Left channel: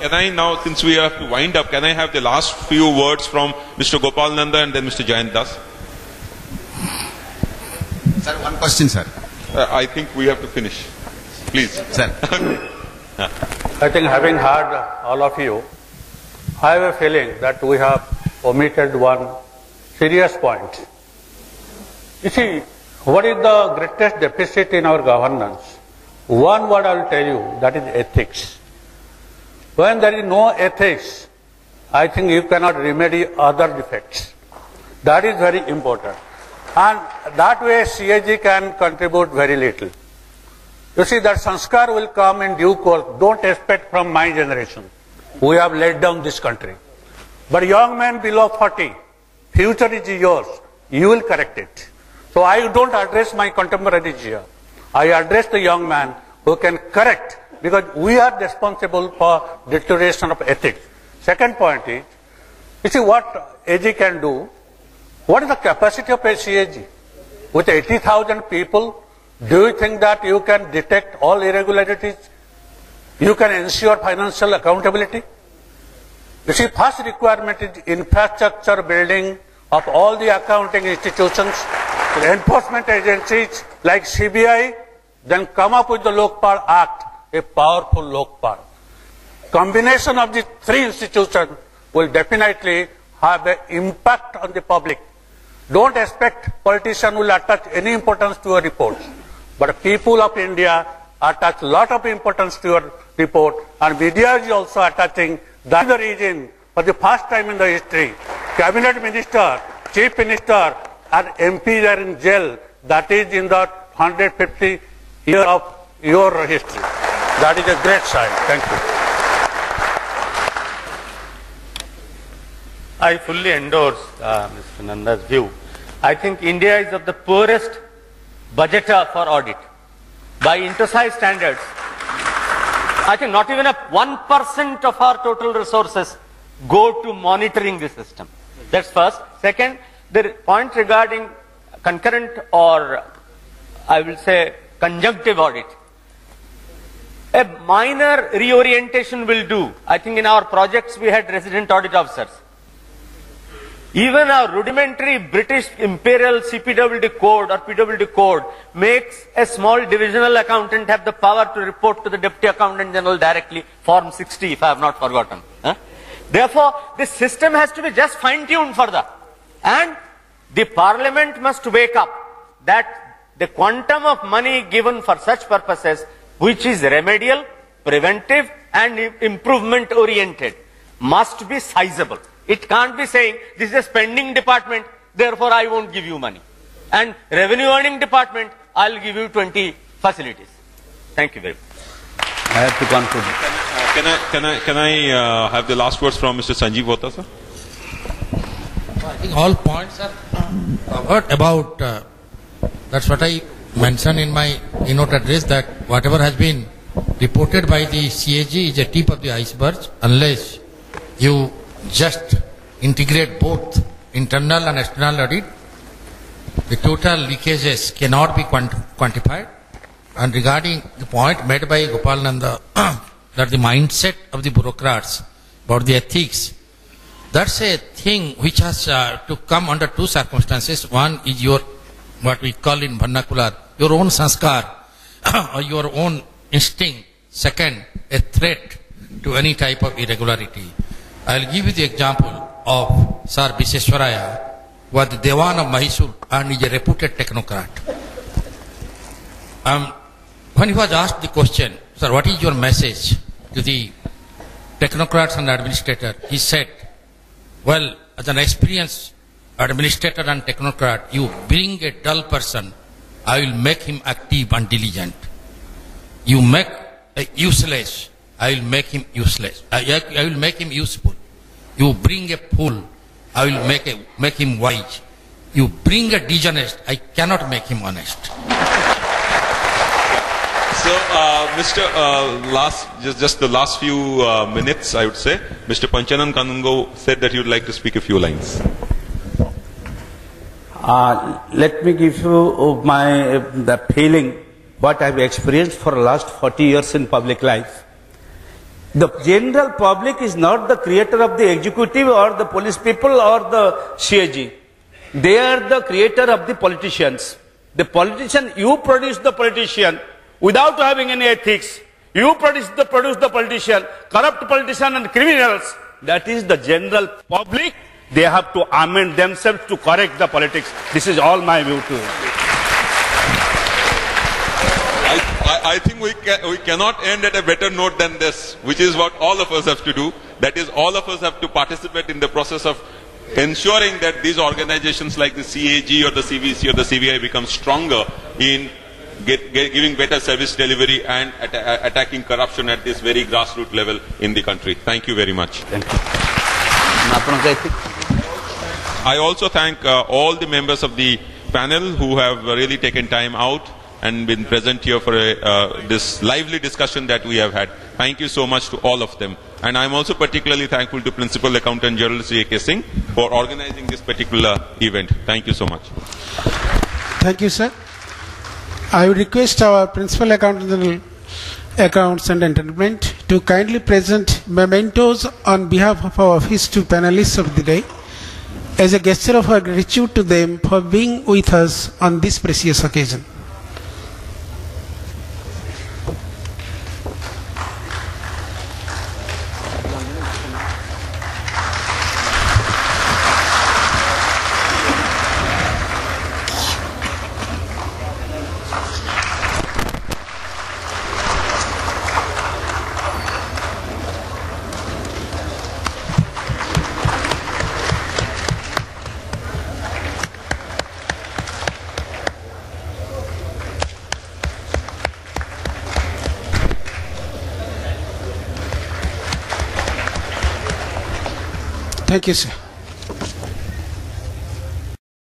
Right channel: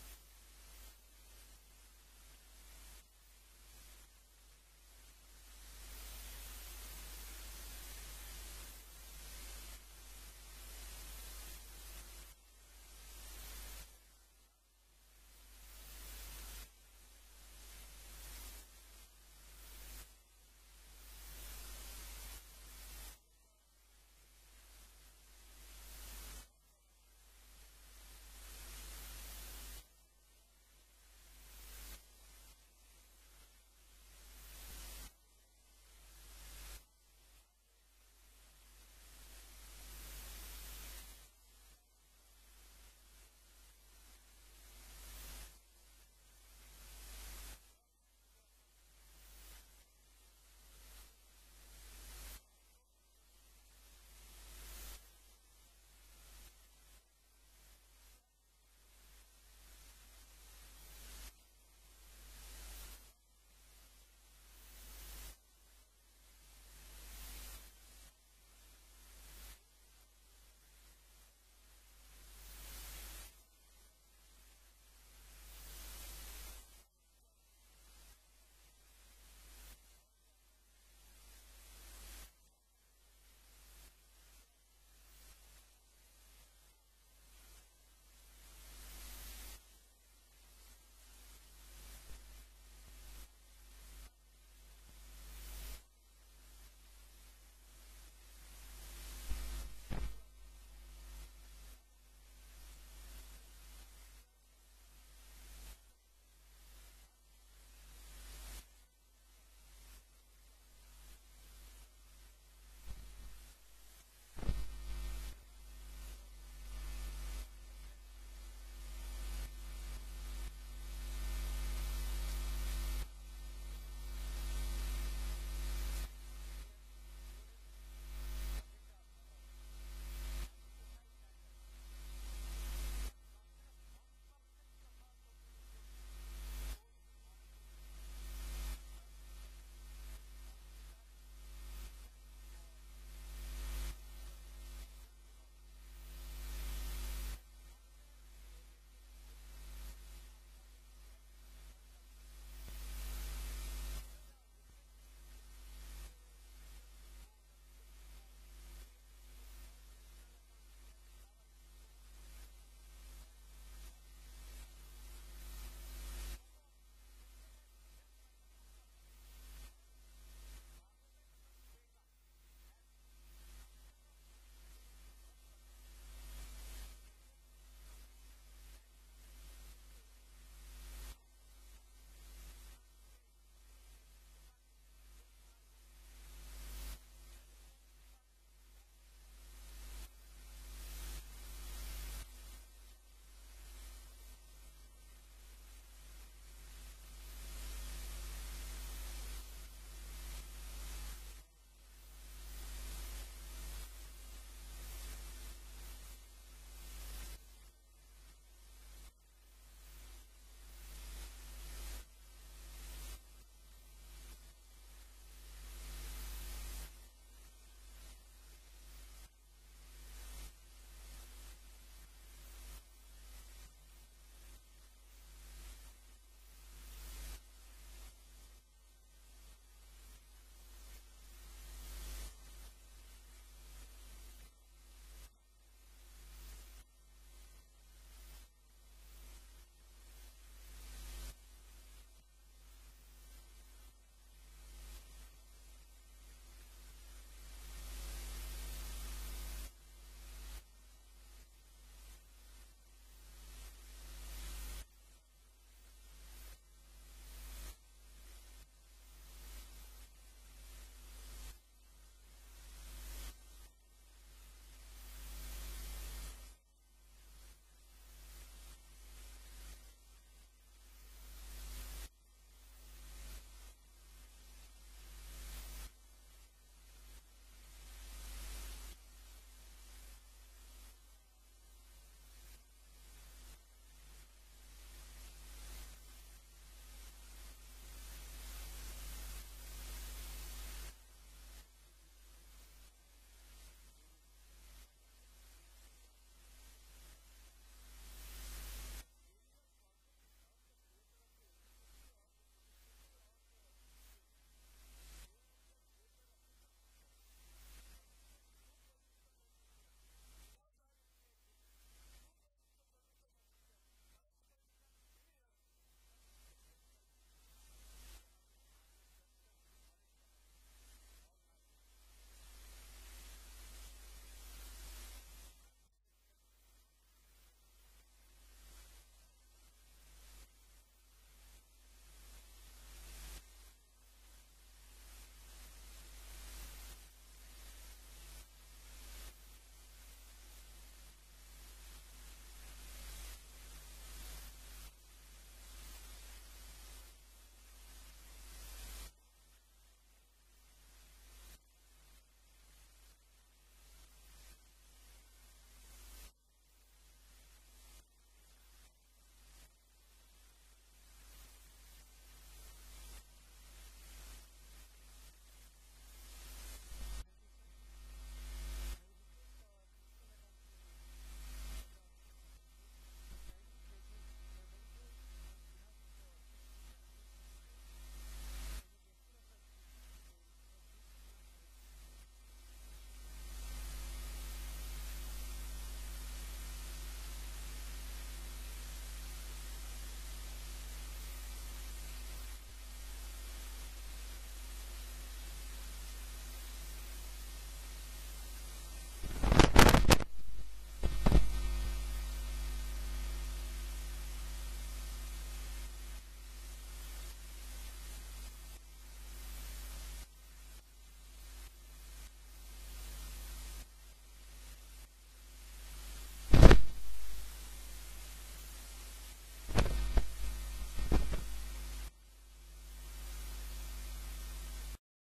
can I now, since we have to wind up, can I have the last few words from Mr. Gopal Nanda and then Mr. Jayant Das? Sir, one question, sir. I think we have to finish. Please. Sir. I think having heard all of you, I have a feeling that we have omitted one serious point. You see, what is the greatest deficit in our governance? One word I will tell you, that is ethics. When there is no ethics, I think you cannot remedy other defects. That is very important. And that way CAG can contribute very little. You see, that sanskar will come in due course. Don't expect from my generation. We have laid down this country. But young men below 40, future is yours. You will correct it. So I don't address my contemporaries here. I address the young man who can correct, because we are responsible for deterioration of ethics. Second point is, you see what AG can do. What is the capacity of a CAG? With 80,000 people, do you think that you can detect all irregularities? You can ensure financial accountability? You see, first requirement is infrastructure building of all the accounting institutions, enforcement agencies like CBI, then come up with the Lokpal Act, a powerful Lokpal. Combination of these three institutions will definitely have an impact on the public. Don't expect politicians will attach any importance to your report. But people of India attach a lot of importance to your report, and media is also attaching. That is the reason, for the first time in the history, cabinet minister, chief minister, and MPs are in jail. That is in the 150 years of your history. That is a great sign. Thank you. I fully endorse Mr. Nanda's view. I think India is of the poorest budgeter for audit. By INTOSAI standards, I think not even 1% of our total resources go to monitoring the system. That's first. Second, the point regarding concurrent or I will say conjunctive audit. A minor reorientation will do. I think in our projects we had resident audit officers. Even our rudimentary British Imperial CPWD code or PWD code makes a small divisional accountant have the power to report to the Deputy Accountant General directly, Form 60 if I have not forgotten. Therefore, this system has to be just fine-tuned further. And the Parliament must wake up that the quantum of money given for such purposes, which is remedial, preventive and improvement oriented, must be sizable. It can't be saying, this is a spending department, therefore I won't give you money. And revenue earning department, I'll give you 20 facilities. Thank you very much. I have to conclude. Can I have the last words from Mr. Sanjeev Hota, sir? I think all points are covered about, that's what I mentioned in my keynote address, that whatever has been reported by the CAG is a tip of the iceberg, unless you just integrate both internal and external audit. The total leakages cannot be quantified. And regarding the point made by Gopal Nanda, that the mindset of the bureaucrats about the ethics, that's a thing which has to come under two circumstances. One is your, what we call in vernacular, your own sanskar or your own instinct. Second, a threat to any type of irregularity. I will give you the example of Sir Viseswaraya, who was the Dewan of Mysore and is a reputed technocrat. When he was asked the question, sir, what is your message to the technocrats and administrators? He said, well, as an experienced administrator and technocrat, you bring a dull person, I will make him active and diligent. You make a useless, I will make him useless. I will make him useful. You bring a fool, I will make him wise. You bring a dishonest, I cannot make him honest. So, just the last few minutes, I would say. Mr. Panchanan Kanungo said that he would like to speak a few lines. Let me give you the feeling what I have experienced for the last 40 years in public life. The general public is not the creator of the executive or the police people or the CAG. They are the creator of the politicians. The politician, you produce the politician without having any ethics. You produce the politician, corrupt politician and criminals. That is the general public. They have to amend themselves to correct the politics. This is all my view too. I think we cannot end at a better note than this, which is what all of us have to do. That is, all of us have to participate in the process of ensuring that these organizations like the CAG or the CVC or the CVI become stronger in giving better service delivery and attacking corruption at this very grassroots level in the country. Thank you very much. Thank you. I also thank all the members of the panel who have really taken time out and been present here for this lively discussion that we have had. Thank you so much to all of them. And I'm also particularly thankful to Principal Accountant General C.A.K. Singh for organizing this particular event. Thank you so much. Thank you, sir. I would request our Principal Accountant General Accounts and Entertainment to kindly present mementos on behalf of our office to panelists of the day as a gesture of our gratitude to them for being with us on this precious occasion. Thank you, sir.